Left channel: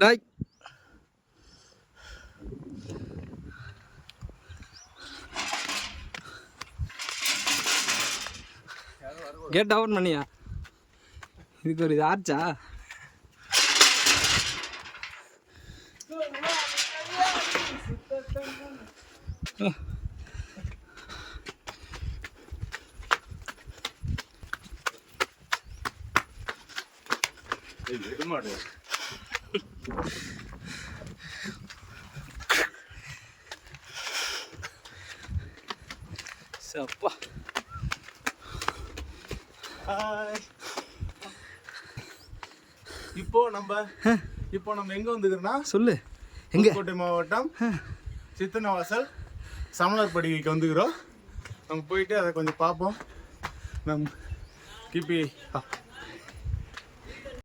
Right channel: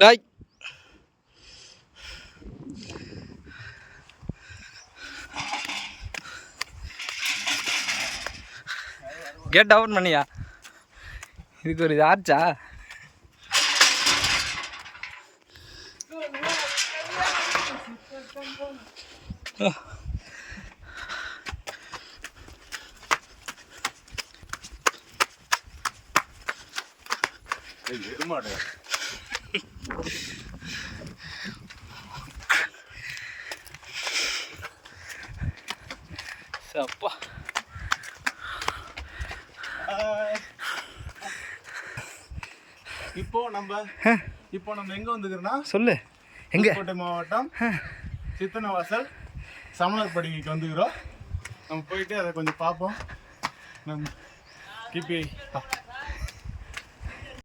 டாய் gate open பண்ணியா? இதுக்கு ஒரு இது ஆச்சா? அப்பா இப்போ நம்ம எங்க வந்துக்கிறோம்னா சொல்லு. எங்க? புதுக்கோட்டை மாவட்டம் சித்தனவாசல் சமணர் படுகைக்கு வந்துக்கிறோம். நம்ம போயிட்டு அதை கொஞ்சம் பார்ப்போம். நம்ம கிபி